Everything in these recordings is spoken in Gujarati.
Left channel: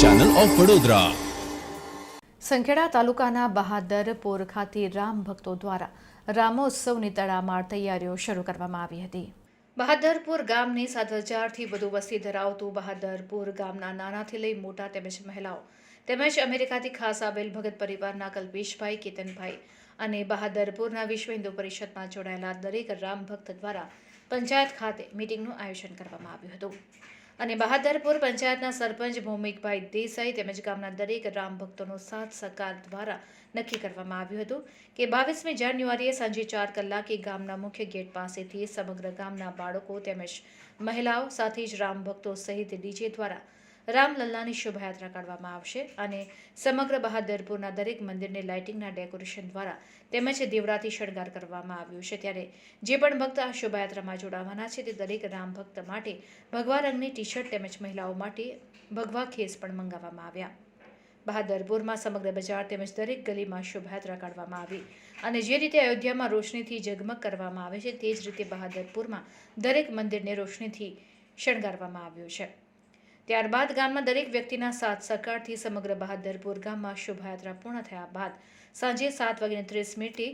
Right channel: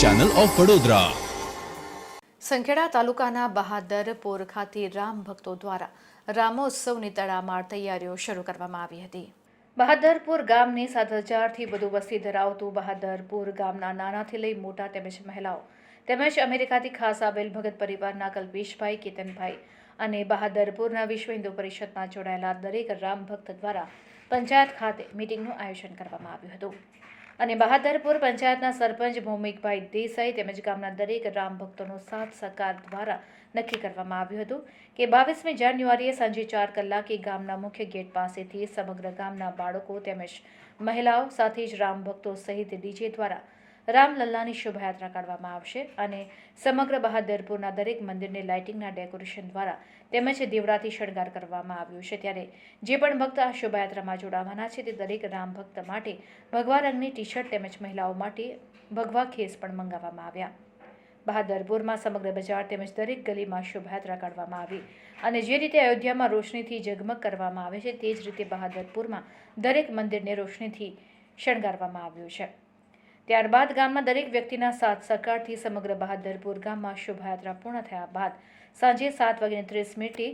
Channel of Vadodara. સંખેડા તાલુકાના બહાદરપુર ખાતે રામ ભક્તો દ્વારા રામોત્સવની તડામાર તૈયારીઓ શરૂ કરવામાં આવી હતી। બહાદરપુર ગામની 7,000થી વધુ વસ્તી ધરાવતું બહાદરપુર ગામના નાનાથી લઈ મોટા તેમજ મહિલાઓ તેમજ અમેરિકાથી ખાસ આવેલ ભગત પરિવારના કલ્પેશભાઈ, કેતનભાઈ અને બહાદરપુરના વિશ્વ હિન્દુ પરિષદમાં જોડાયેલા દરેક રામ ભક્ત દ્વારા પંચાયત ખાતે મીટિંગનું આયોજન કરવામાં આવ્યું હતું અને બહાદરપુર પંચાયતના સરપંચ ભૌમિકભાઈ દેસાઈ તેમજ ગામના દરેક રામ ભક્તોનો સાથ સહકાર દ્વારા નક્કી કરવામાં આવ્યું હતું કે 22મી જાન્યુઆરીએ સાંજે 4 કલાકે ગામના મુખ્ય ગેટ પાસેથી સમગ્ર ગામના બાળકો તેમજ મહિલાઓ સાથે જ રામ ભક્તો સહિત ડીજે દ્વારા રામલલ્લાની શોભાયાત્રા કાઢવામાં આવશે અને સમગ્ર બહાદરપુરના દરેક મંદિરને લાઇટિંગના ડેકોરેશન દ્વારા તેમજ દીવડાથી શણગાર કરવામાં આવ્યું છે। ત્યારે જે પણ ભક્ત આ શોભાયાત્રામાં જોડાવાના છે તે દરેક રામ ભક્ત માટે ભગવા રંગની ટી-શર્ટ તેમજ મહિલાઓ માટે ભગવા ખેસ પણ મંગાવવામાં આવ્યા। બહાદરપુરમાં સમગ્ર બજાર તેમજ દરેક ગલીમાં શોભાયાત્રા કાઢવામાં આવી અને જે રીતે અયોધ્યામાં રોશનીથી ઝગમગ કરવામાં આવે છે તે જ રીતે બહાદરપુરમાં દરેક મંદિરને રોશનીથી શણગારવામાં આવ્યું છે। ત્યારબાદ ગામના દરેક વ્યક્તિના સાથ સહકારથી સમગ્ર બહાદરપુર ગામમાં શોભાયાત્રા પૂર્ણ થયા બાદ સાંજે 7:30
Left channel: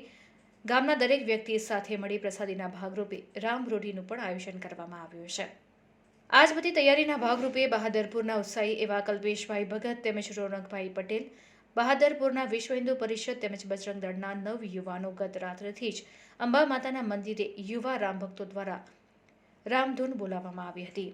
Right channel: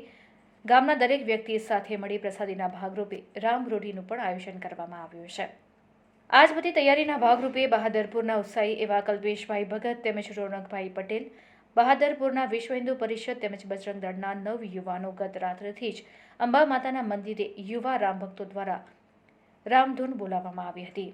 ગામના દરેક વ્યક્તિ સાથે મળી પ્રસાદીના ભાગરૂપે રામ રોઢીનું પણ આયોજન કરવામાં આવ્યું છે। આ જ બધી તૈયારીના ભાગરૂપે બહાદરપુરના ઉત્સાહી એવા કલ્પેશભાઈ ભગત તેમજ રોનકભાઈ પટેલ, બહાદરપુરના વિશ્વ હિન્દુ પરિષદ તેમજ બજરંગ દળના 9 યુવાનો ગત રાત્રથી જ અંબા માતાના મંદિરે યુવા રામ ભક્તો દ્વારા રામધૂન બોલાવવામાં આવી હતી।